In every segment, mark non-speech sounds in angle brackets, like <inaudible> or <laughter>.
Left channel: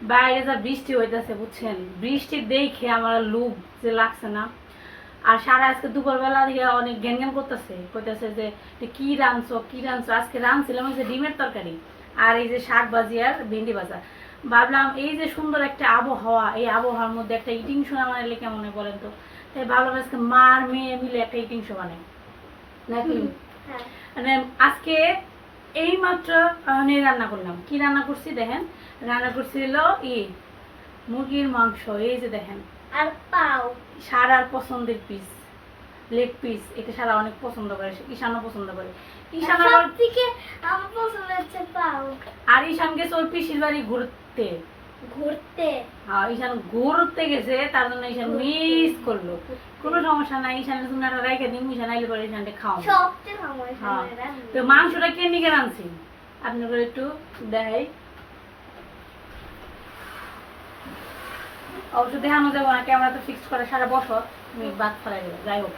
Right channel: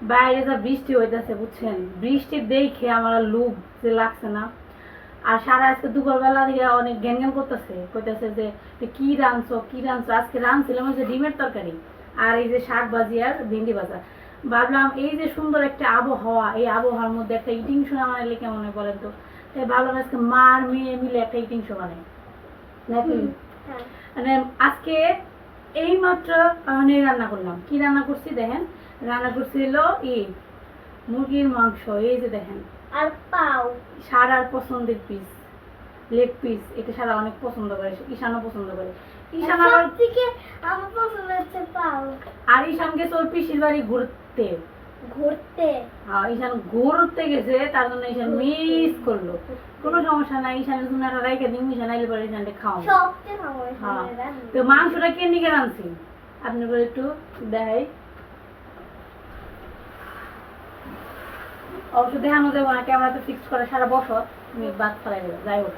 বাইরে যা বৃষ্টি হইতেছে বুঝছেন? বৃষ্টি দেখে আমার লোভ যে লাগছে না। আর সারা আজকে দুপুরবেলা থেকে অনেক জ্ঞান জ্ঞান করতেছে। কইতেছে যে কি রাঁধছো কি রাঁধছো? আজকে রাঁধছিলাম ওই যে ডিমের তরকারি আর এই যে শাক ভাজি আর ভেন্ডি ভাজা। ভাবলাম এই যে সুন্দর একটা আবহাওয়া এই আবহাওয়ার মধ্যে একটা ইটিং শো বানাইলে কেমন হয় বলেন তো? তাই ভাবলাম আজকে মার মেয়ে মিলে একটা ইটিং শো বানাই। নাকি? মানে আজকে এই মাত্র আমি রান্না করলাম। কি রান্না করছি দেখেন? রান্না করছি হলো ই মুরগির মাংস এই যে দেখেন। আর পাও। সারার পছন্দের পিস লেগ পিস এটা সারা অনেক পছন্দ করে ঈশানও পছন্দ করে। ঈশান আবার থেকে আমার পছন্দ হচ্ছে পাও। আর ঈশানকে চোর পিসির বাড়ি ঘুরতে। ঘুরতে। হ্যাঁ ঈশান ঘুরতে গেছে তার জন্য ঈশান মিস করল। কোনো সমস্যা নাই ঈশানের জন্য একটা রাইখে দিন ঈশান আইলে পরে ঈশানটা আমার হ্যাঁ। তো মাংসটা কে নিকে রাঁধছি আপনি করে একটু দেখাই অবশ্য দেখানো যাব না ক্যামেরা তো ফিক্স করে সারা বছর। বাদ ফেলাই যাই হোক।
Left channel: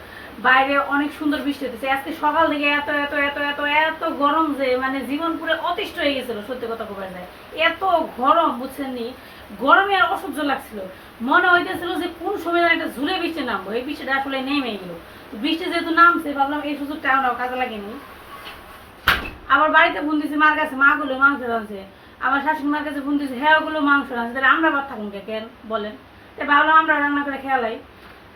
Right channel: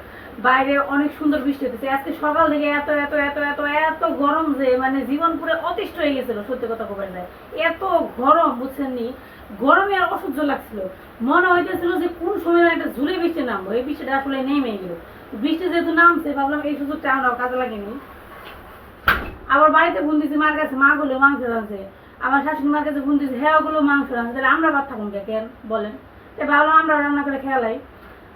বাইরে অনেক সুন্দর বৃষ্টি হতেছে আজকে সকাল থেকে এত এত এত এত এত গরম যে মানে জীবন পুরো অতিষ্ঠ হয়ে গেছিল, সত্যি কথা কবে যায় এত গরম বুঝছেন নি গরমে আর অসহ্য লাগছিল। মনে হইতেছিল যে কোন সময় একটা ঝুলে বৃষ্টি নামবো। এই বৃষ্টিটা আসলে নেমে গেল। বৃষ্টি যেহেতু নামছে, ভাবলাম এই সুযোগটা আমরাও কাজে লাগেনি আবার বাড়িতে ফোন দিছি মার কাছে মা গুলো মাংস রাঁধছে আমার শাশুড়ি মার কাছে ফোন দিছি হ্যাঁ ওগুলো মাংস রাঁধছে তাহলে আমরা বাদ থাকুন কে কেন? বলেন। তাই ভাবলাম আমরা রান্না করে খেয়ালাই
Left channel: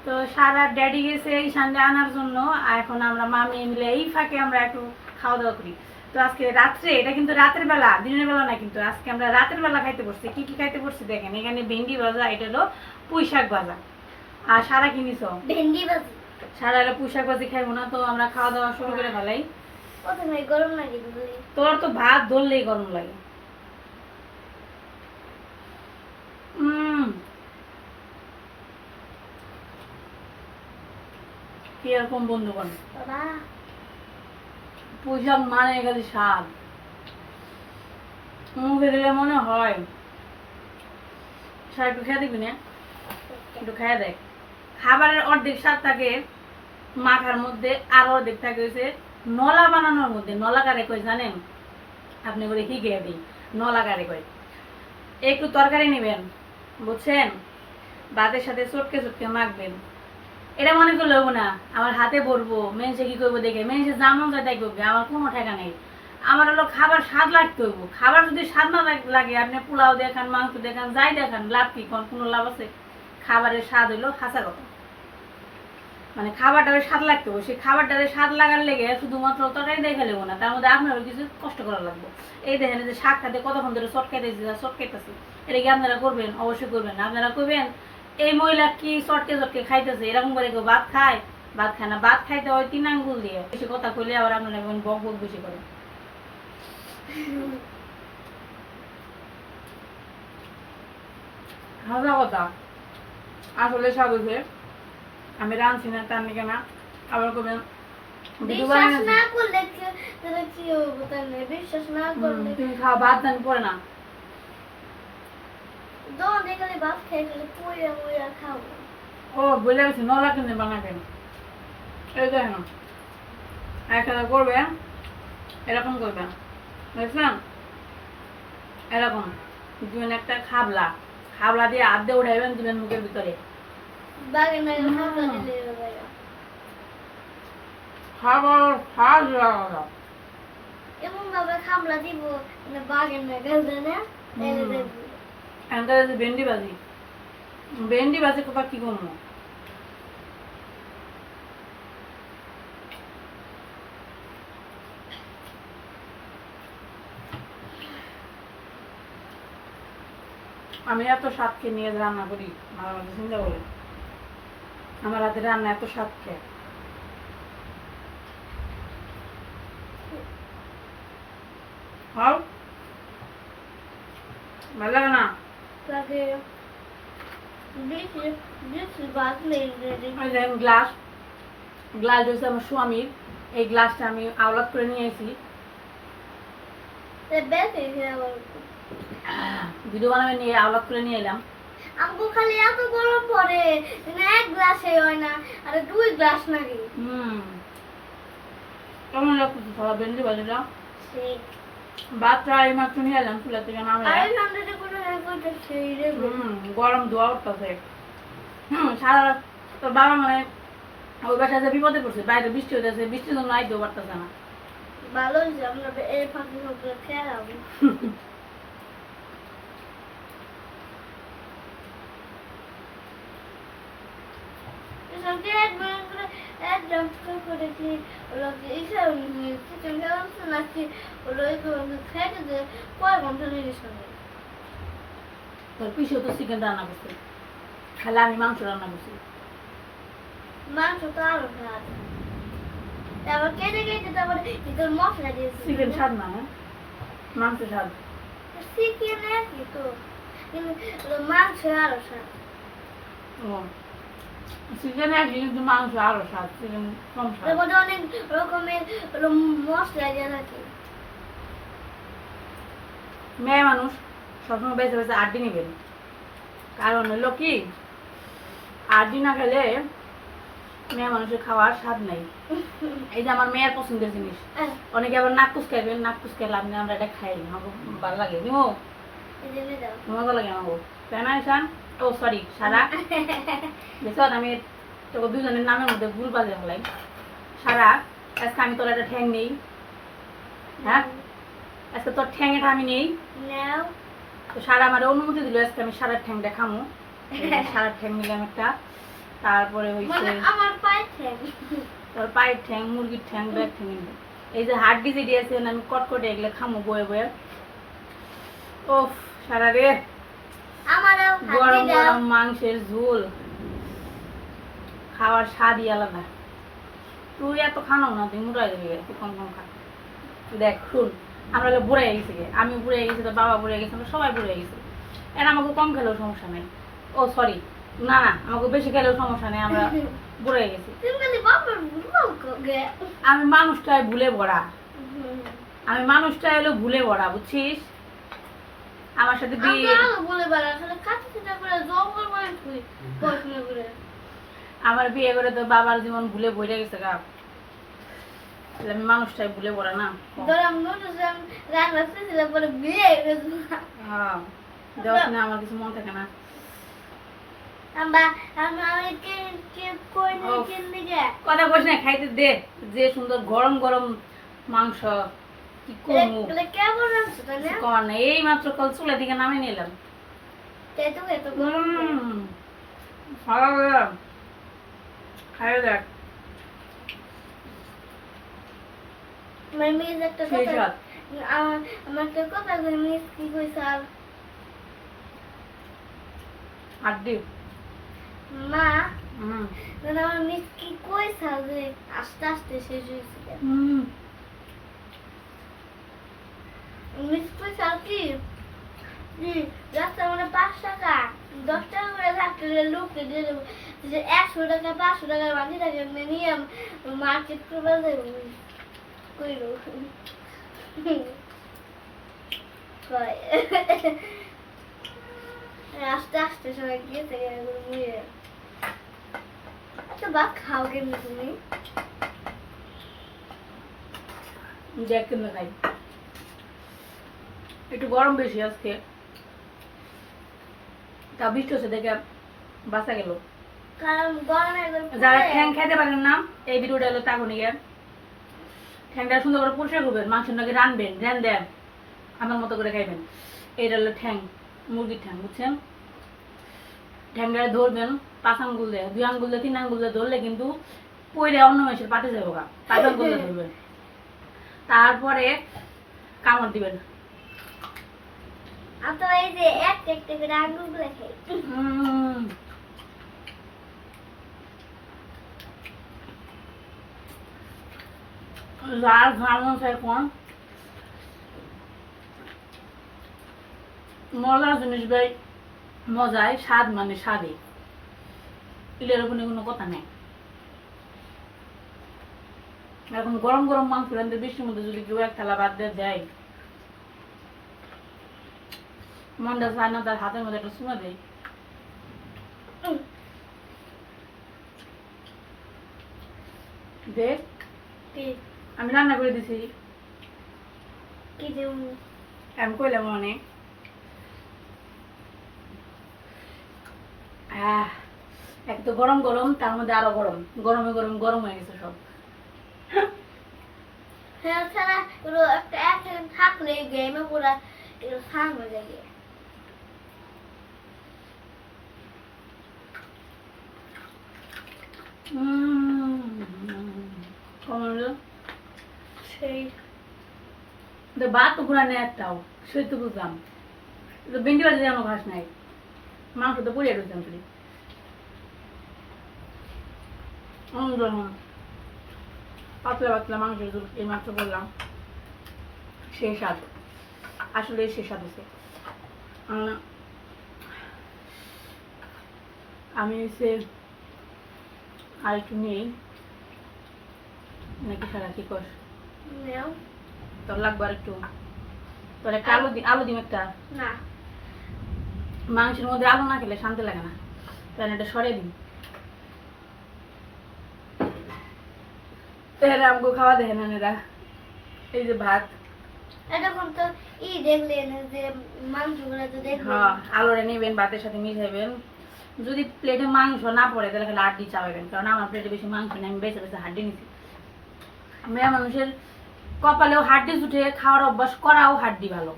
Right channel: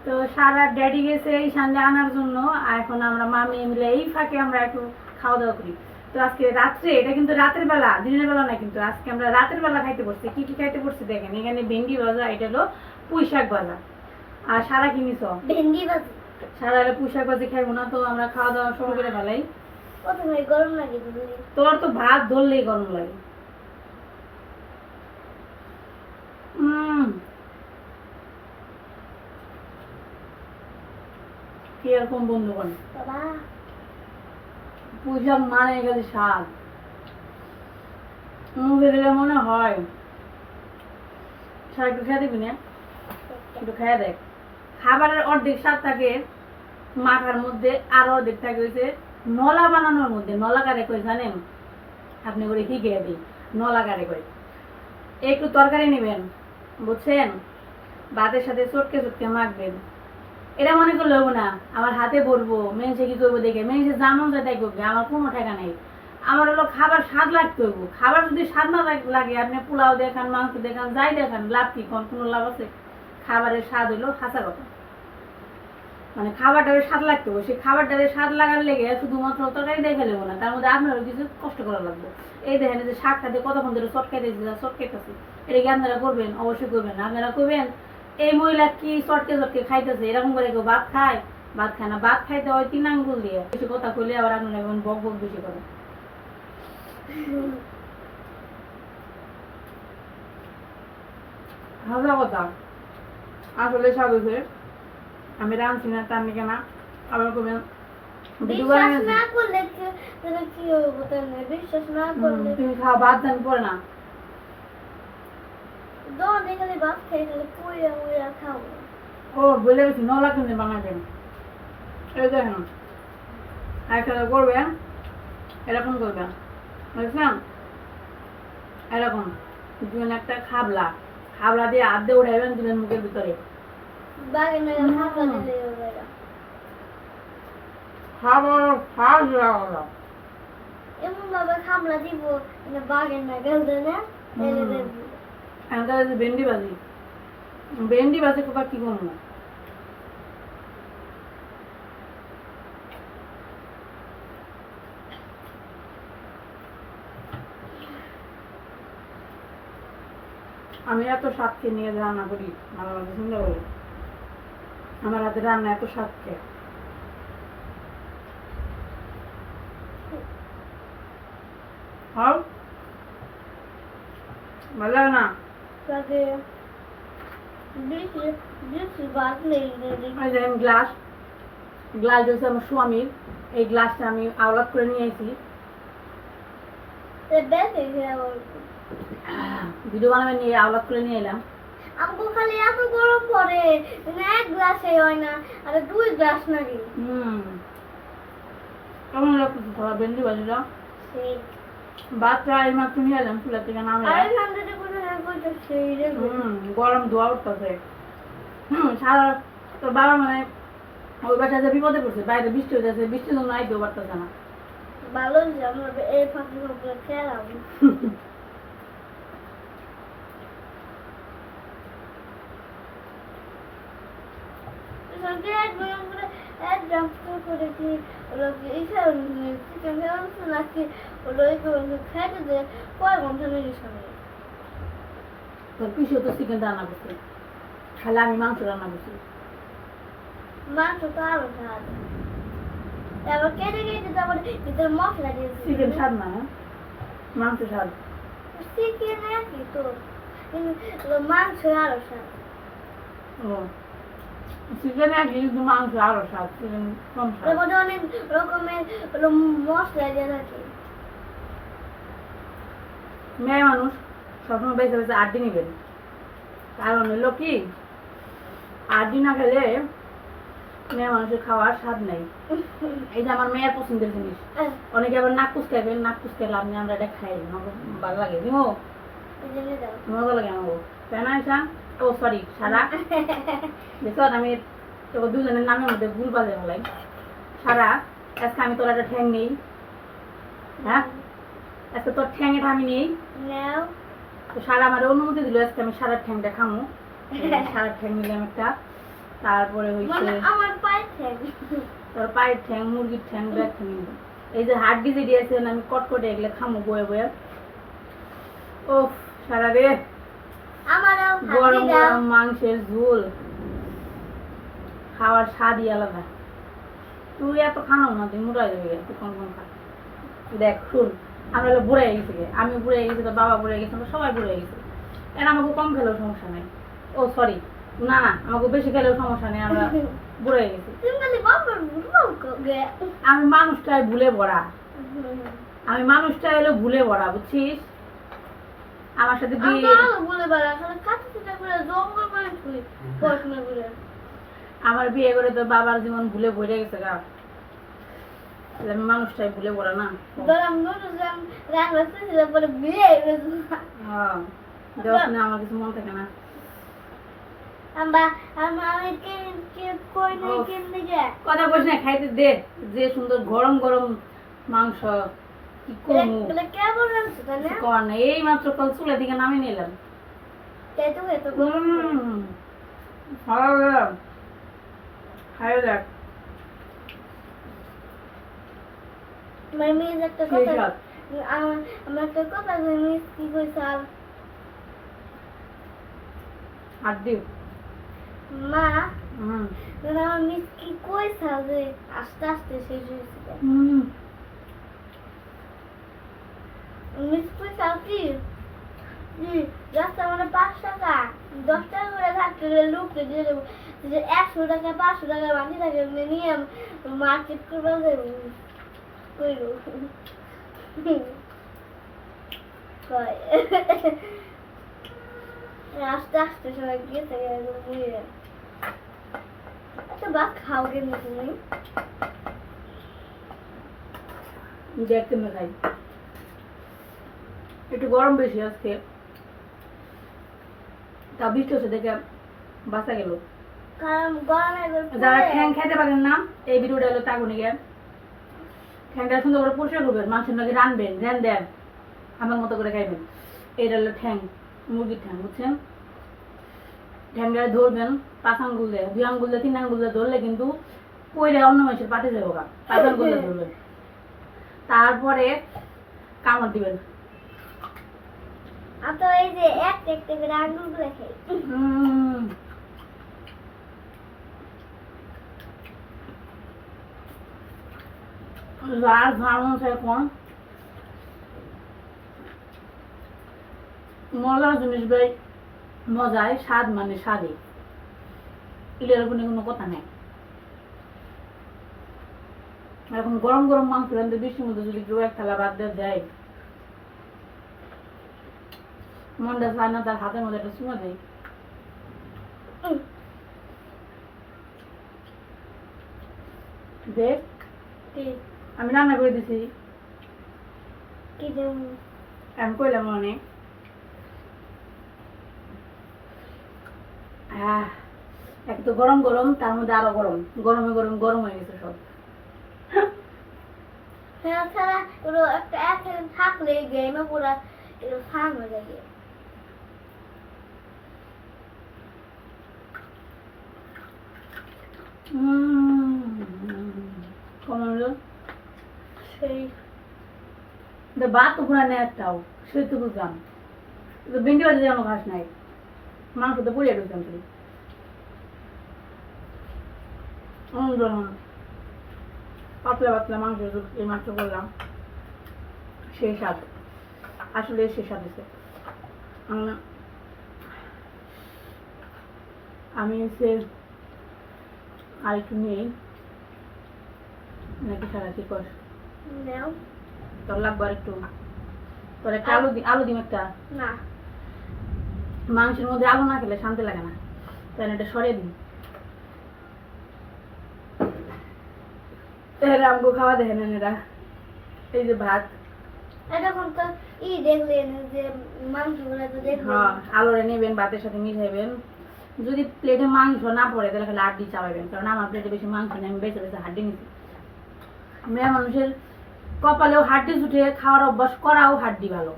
তো সারা ড্যাডি গেছে এই সানডে আনার জন্য আর এখন আমরা মামি মিলে এই ফাঁকে আমরা একটু খাওয়া দাওয়া করি। তো আজকে রাত্রে এটা কিন্তু রাতের বেলা দিনের বেলা না কিন্তু আজকে আমরা রাতের বেলা খাইতে পড়ছি কি কি খাইতে পড়ছি দেখেন এখানে ভেন্ডি ভাজা এটা হলো পুঁই শাক ভাজা। আর সারা কিনিস ভেন্ডি ভাজি। সারা হলে পুঁই শাক ভাজি খাইবো না তো আমরা খাওয়া দাওয়া শুরু করে বুঝলি তোর তো ভাত ধরলেই গরম লাগে। কীরকম বন্ধুগণ? পুঁইশাক মানে গেলে স্বাদ। মুখে দিলে মনে হয় স্যার একটু খেয়ে দিবি না? একটু খেয়ে দেখ। খাবারের অর্ধেক স্বাদ থাকে মাখার মধ্যে আর অর্ধেক থাকে হচ্ছে নলা বানানোর মধ্যে। নলা কারে কই জানেন? আপনি করে হিগে দিই? নলা কারে কই একটু তরকারি নেবেন বুঝছেন? ভাতের সাথে চটকে চটকে মাখবেন। এটা মনে করলে না। আমার হাতে পড়ব মেনসে কি করব দেখে? মেনসে যেমন যায় তাই করবে, আমার কোনো ঠেকা নেই। আমার হলো খাবার স্বাদ লাগতে হইব খাবার যদি স্বাদ না লাগে আপনি পোলাও দেখান, মাংস দেখান, যাই দেখান, লাভ কি? কোন কোনো লাভ আছে? খাবারের স্বাদ হইল হাসা কথা। মানে খাবারটারে স্বাদ লাগতে হবে। সেই খাবারটারে স্বাদ লাগার লেগে শুধুমাত্র তরকারি দেখে নেব না, তার মধ্যে আপনারও কিছু কষ্ট করা লাগবে। এই দেখেন যে শাক খাতে কতক্ষণ ধরে চটকাইতেছি চটকাইতেছি। এটা কি আপনারা করবেন? অবশ্যই করবেন। আপনারা করবেন এই মহিলা কি চটকে চটকে খাইতেছে? এরকম করে কেউ ভাত খায়? ভাত খায় না। ভাত খাইতে হয় তিন আঙ্গুল দিয়ে। বেশি কথা কইলে আবার আপনারা এখন বক বক বেশি করেন হাজা কথা। আসলে হয়েছে আমি রাঁধছি না তার নাকি না। আবার করবেন ভিডিও বিশ্বাস না করলে কি- তাহলে কি হবে? তাহলে বিশ্বাস না তুমি খাও ভাত দান পরে না। যখন এখানে ভাত খেয়ে গেলে পুইরা মুইরা খাব ও বলে গেছি নলা কিনে বানাবেন। এই দেখেন একসাথে করবে এরকম করবে। এরকম দিবেন একটা খাবলা। খাবলা দিয়ে দিয়ে উঠাইবেন দিবেন মুখের ভিতরে। খাবার এমন ভাবে খামলা দিব বাগে না গেলতে না। ভেন্ডি ভাজি। ভেন্ডি ভাজি করব? আমি এত স্বাদকে নিয়ে রান্না করি মাঝে মাঝে চিন্তা করি। আমার হাতে রান্না এত স্বাদ খেয়ে হও। ভালো না? তাকে বেশি বেশি ভাত নেই রে। এই দেখেন গ্লাস গ্লাস হচ্ছে আমার স্বামীর। এই গ্লাসটা আমি আওলাদ করে নিয়ে এসেছি তে বেশি খাবার ভিডিও বানাবে নিয়ে আওলাদ করে নিয়ে এলাম। আমগো খালি এত গরম পড়ে মানে এক গ্লাসে হয় না আর দুই গ্লাস নাকি। হুম। কেমন লাগতেছে সবাই ভেন্ডি ভাজিটা সেই। ভাতটা এই মাত্র নিয়ে এলাম চুলা থেকে নামে আর ঠান্ডাতে গরম ধোয়া উঠতেছে। হুম সারা তোর বাবা মানে ওই বাসায় যে বিপদে পড়ছে বাইরে বৃষ্টি হইতেছে বৃষ্টির জন্য আইতেও পারতেছে না। ভালো যে আমরা এই ফাঁকি ফাঁকি খেলাম। করেছি নিয়ে সঙ্গে তোর পিছিয়ে তো চিকেন রান্না করছে। খালি আমি মাংস রান্না করছি। মাংস তো আরও খাওয়া তারপর কেটে কেটে তারপরে ভিতরে মশলা দিয়েছি চিকেন স্বাদ না না? মাংস স্বাদ। চিকেন একই তো? মাংস আরও স্বাদ। ও। চিকেন একই কিন্তু মাংস আরও স্বাদ চিকেন কম স্বাদ। তারপরে অনেক রকমের মশলা দেওয়া থাকে। মেয়ে মানুষ সবসময় বেঁচে বেঁচে আড্ডি নিবেন। কারণ হলো কি, আড্ডি না খেলে মেয়ে মানুষের খাওয়ার স্বাদ নেই। এই যে আমার মেয়ের পছন্দের জিনিস। অনেকে আবার নাক কুচকাইবেন নাক কুচকাই লাভ নেই আমরা এটা খাই, আমাকে ভালো লাগে। এই মজা লাগে আমাকে? তাই না ঈশান ও সরি সারা। দেখো আমি তোকে দুজনের নামের মধ্যে ভুল বাজে হলাই সারা, আজকে আমি তোর একটা ঠ্যাং নেই। হ্যাঁ? আজকে তোর ঠ্যাং এটা আমি নেই। তো সারা আমার অনুমতি দিল আজকে আমি সারা ঠ্যাংটা খামো। সারা ঠ্যাং নিলাম একটা। তারপরে হইছে মানে আমার পাইছে তোর পায়ের ঠ্যাং মুরগির ঠ্যাং ব্যাগ ঠ্যাং এই যে হাড্ডি যে দিয়েছেন আমি কটকটে এগুলো খামো বয়ে বয়ে। ও সারা রে। গরম গরম মাংসের ঝোল। খাওয়ার স্বাদই আলাদা। তুই এত খানাও না তুই মুড়াই দেবে তুই কম কম খা। দেখ শুন। আমরা হলো বুড়ে গেছি আমি বুড়ে গেছি তো বাবা বুড়ে গেছে আমরা সবাই বুড়ে গেছি। এর আমাকে কম খেলেও সমস্যা নেই। ও সরি না না আমাকে বেশি খেলেও সমস্যা নেই আমরা <laughs> বুড়ে গেছি। আমি মানুষটাই ভুলে ভরা। আমি মানুষটাই হলো ভুলে ভরা বুঝছিস? আমার সাথে বিয়ে বেড়া আমার বিয়ে করে তো বাবার জীবন ভুলে বইরে গেছে গা। তাহলে আমি মানুষটাই ভুলে পড়ে না? হয়ে দেওয়ার আমার কিছু মনে থাকে না। কথা খাইতে দে। যে সুন্দর গরম গরম মাংস কি কমু? না কর না এই মাত্র কল চুলা দিকে নামে নিলাম। খাইয়ে দেখ। আমার মেয়ে একটা সেই কথা স্বাদ। আমার আমার একটা কথা কই মিস কি কইছে আর? আড্ডি। মা? হুম। মানে আমার মিস কি কইছে যে আস্তে আস্তে শেষ হয়েছে। হুম। মিস কইছে আর কি? হুম রাস্তা মানে পাঁচ টাকা। দশ টাকা করে থাকতে লোককে দিয়ে দেবো। যে একশো টাকা পাঁচশো টাকা বাকি থাকে নিয়ে মার্কেট করবে যাব কয় আস্তে আস্তে সবাই গিয়ে থেকে একবার বুঝে যায় আচ্ছা ভাত খাও কেন তুমি দেখ কেমন খাই। একটু গরম বেশি আজকে। তা বৃষ্টি হচ্ছে দেখে বাঁচা গেল। যারা ঠ্যাং খাইতে পারেন না এই ভিডিওটা হলো তাগুনি গিয়ে ঠ্যাংটা সুন্দর করে পরিষ্কার করবেন মাংস নাকি রানবেন রেন দেন আমার মতো করে খাইবেন। এটা হলো ঠ্যাং মুরগির ঠ্যাং বুঝছেন? ঠ্যাংটা ধরবেন পাঁচ আঙ্গুল দিয়ে দুই আঙ্গুল দিয়ে তিন আঙ্গুল দিয়ে ধরলে কিন্তু পইরে অন্য মানুষের পাতে যাব গা পাঁচ আঙ্গুল দিয়ে ধরবেন। তারপরে কামড় দিবেন। তো এই যে এক একটা করে আঙ্গুলগুলো খাই। যার ঝাড়মন এখন মজার জিনিস ভাই মজায় স্বাদ মানে স্বাদে। এটার উপরে কোনো কথা নেই। এরকম গরম গরম মাংস রান্ধতে বৃষ্টির মধ্যে যদি কেউ এক থালা ভাত দিয়ে দেয় মনটা চায় না, তার হাতের মধ্যে একটা চুমা দেয়। দেখ। আমি রান্না করে দিছি। কি যেমন আমি কইলাম অনেক। এক তো গরম গরম তার মধ্যে আরও গরম। গরমে গরম গরম হয়ে গেছে সব। হ্যাঁ থাকলে গেমে পুরা হয়ে যায়। সেই তো নেই একটাও সে তো বুঝলাম। তো বাজে যেন ঘাস নাই, মাংস তো পুড়িয়ে ঢুকতাম তুই পাতলা পাতলা মাংস এই মাংস করলাম সেই স্বাদ, আসলে সে স্বাদ হচ্ছে আমি হচ্ছে আর একটু নেই, নাকি সারা কি নাও তোর লাগবে আর একটু। তোর একটা আলু আলু দিম একটা। না। মাংসের মধ্যে আলু না খেলে শান্তি লাগে না। তাই এটা সরে দিন এরা আমগো খাওয়া এরা। এই যে ভাত। এতক্ষণ তো ই দেখলেন যে মাংসগুলো তো দেখলেন হ্যাঁ আলুরে নেবেন ভাতের সাথে মিশাইবেন। যদি প্লেটে মাংস না পড়ে তাহলে খালি হাড্ডি চাপাবেন কারণ আমার প্লেটে বেশি মাংস নেই আমি বেছে বেছে হাড্ডি নিছি। মেয়ে মানুষের কপালেও হাড্ডি জুটে খাওয়ার অভ্যাস করাও হাড্ডি ভালো।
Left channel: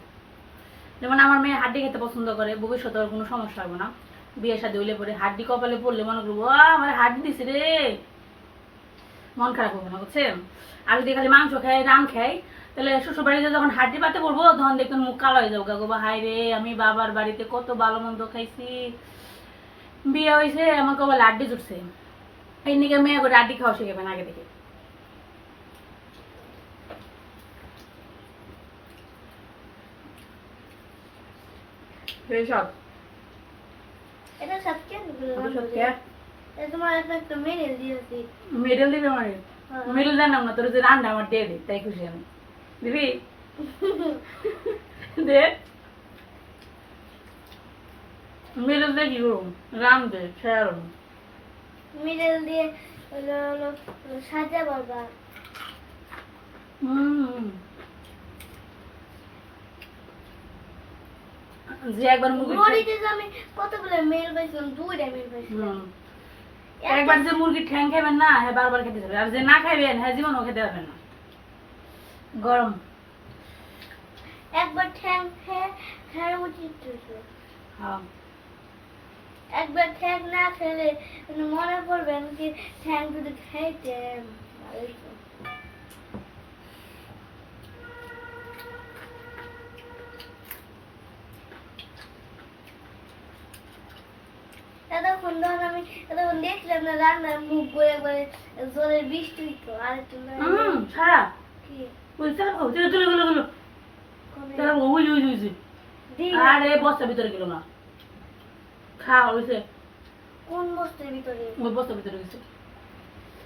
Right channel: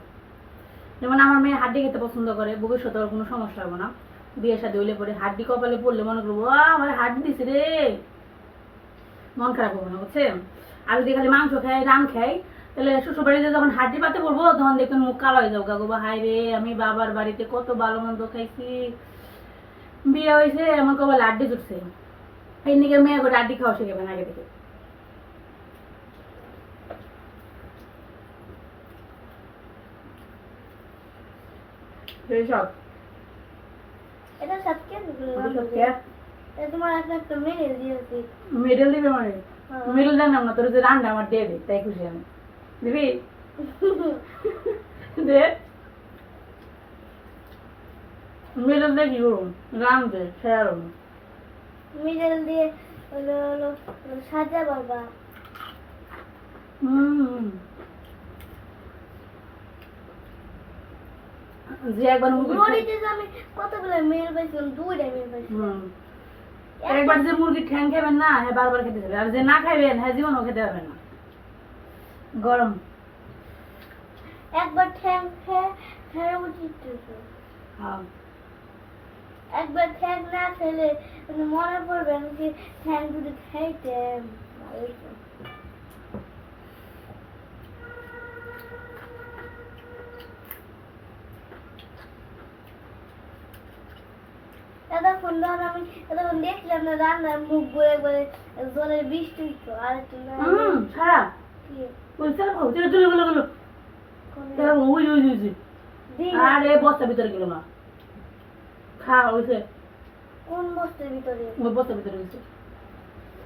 যেমন আমার মেয়ে হাড্ডি খেতে পছন্দ করে ভবিষ্যতে ওর কোনো সমস্যা হবে না। বিয়ে সাথে হইলে পরে হাড্ডি কপালে পড়লে মনে করব "আ, আমার হাড্ডি দিছে রে। মন খারাপ হবে না বুঝছেন? আর যদি খালি মাংস খাই রান খাই তাহলে শ্বশুর বাড়িতে যখন হাড্ডি পাতে পড়ব তখন দেখবেন মুখ কালো হয়ে যাব। গাগো বা হাই রে আমি বাবার বাড়িতে কত ভালো মন্দ খাইছি। বিয়ে হয়েছে আমাকে বলে হাড্ডি জুটছে। এই নিকে মেয়ে করে আড্ডি খাওয়া শিখাবেন আগে থেকে। সব এটা সব কেন সব তোমার একটা মেনে দিয়েছি। মেডেল দিবে মানে? মেডেল জানাম না তোর যে রান্না আমার দিয়ে দে তাই খুশি আমি। দিবি? <laughs> দে। মেডেল দিয়ে কি করুন রাম দে শেয়ারন মিডল দিয়ে সাজা বাবা। হুম। যে একবার মুরগি যে আমি কতগুলো মেল পাইছিলাম দুইটা মেল পাইছিলাম। একবার যে মুরগির ঠ্যাং খাবেন না হ্যাঁ বারবার খেতে যাবে আর যে না খাইবেন হ্যাঁ জীবনও খেতে পারবেন না। গরম। একবার ঠ্যাং খেয়ে উচিত হ্যাঁ। একবার ঠ্যাং না খেলে মনে পড়বে আমি কি ঠ্যাং যদি খাইতেন এতক্ষণ ধর আমি এতক্ষণ দেখলাম না রান্নার মুখ গড়ে গড়ে জলের বৃষ্টি হইতো আর একটু সারা। কি? ওই সারা খাও চলো চলো গেলো গেলো কোনো- ওই ওই ওই ওই দিই বস্তার ভিতরে গেল না। খা হয়েছে কোন বস্তুর ভিতরে? ওই বস্তার ভিতরে গেছে।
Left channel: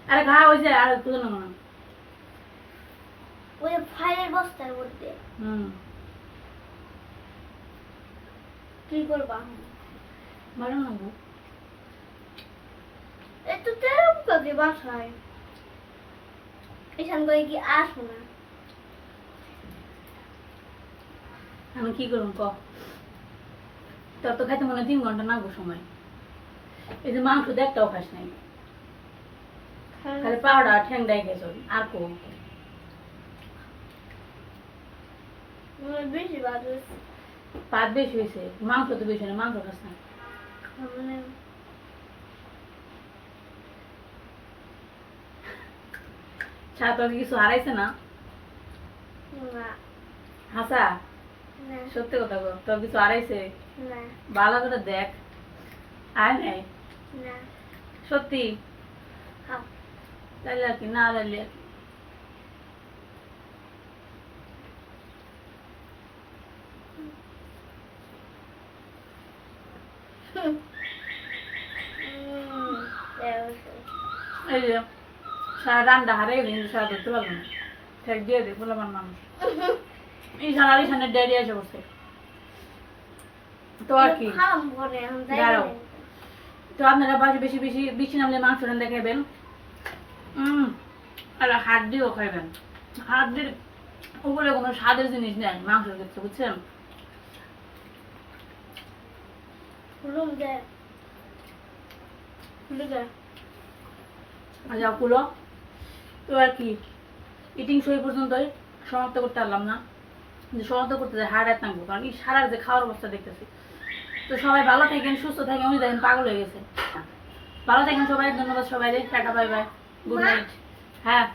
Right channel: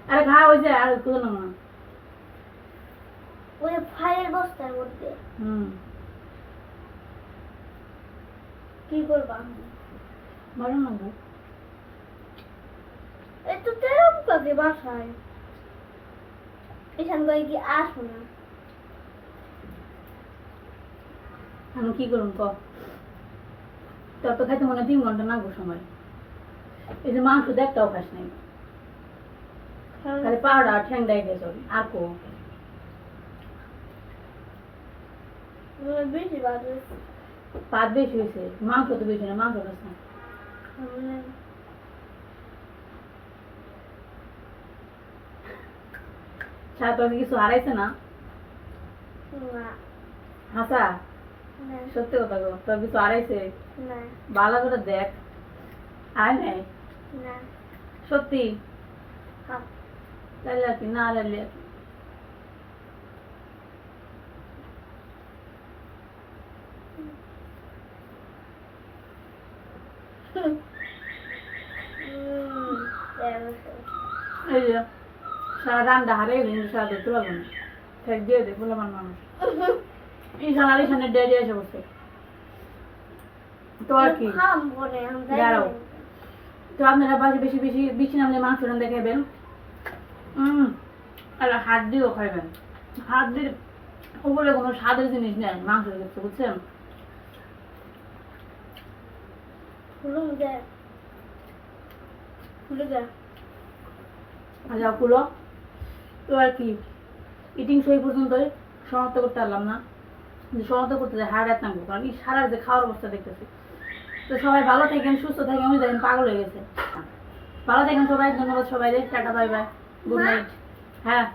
আরে খা আর কোথাও না না। ওই যে ফাইলের বস্তার মধ্যে। হুম। কি করবা? না একটু তেরম কাজে বাসায়। এখান করে কি আসো না। আমি কি করুন ক? তোর তো খাইতে মনে তিন ঘণ্টা নাগবো সময়। এই যে মাংস দেখটাও খাস নাই। খালি পাউডার ঠ্যাংটাই খেয়েছ আর কো। বেশি পাত বেশি হয়েছে মাংস তো বেশি না মাংস খাস না। ছাড়া কিছু হারাইছে না? হাসা? সত্যি কথা গো তোর কিছু হারাইছে? না। ভালো করে দেখ। আয় নাই? না। সত্যি? হ্যাঁ তাইলে আর কি না আর এই যে। সারা রান্না হারিয়ে গেলে কিন্তু সারা ধরতে পারব না। ঠেক দিয়ে দে বললাম মানুষ। এই সারা ইসানের ডেয়ারি এসে বসে তো আর কি? খাম করে, আমি যাই দাঁড়াও। তো আপনারা বাসে বেশি বেশি বেশি নামলে মাংস রান্না খাইবেন আর হাত দিয়েও খাইবেন। হাত দিয়ে উপরে কোনো স্বাদের জিনিস নেই মাংসের ক্ষেত্রে বুঝছেন? যাও কুলো। তো আর কি ইটিং সই পর্যন্তই। সমাপ্ত করতে পারলাম না। যে সমাপ্ত করতে যায় হার্ট অ্যাটাক কারণ এই সারা যে খাওয়ার অবস্থা দেখতেছি। তো সবাই ভালো থাকেন সুস্থ থাকেন উনি দেখেন পাগল হয়ে গেছে। ভালো থাকেন সবাই ধন্যবাদ সবাই tata bye bye good night হ্যাঁ।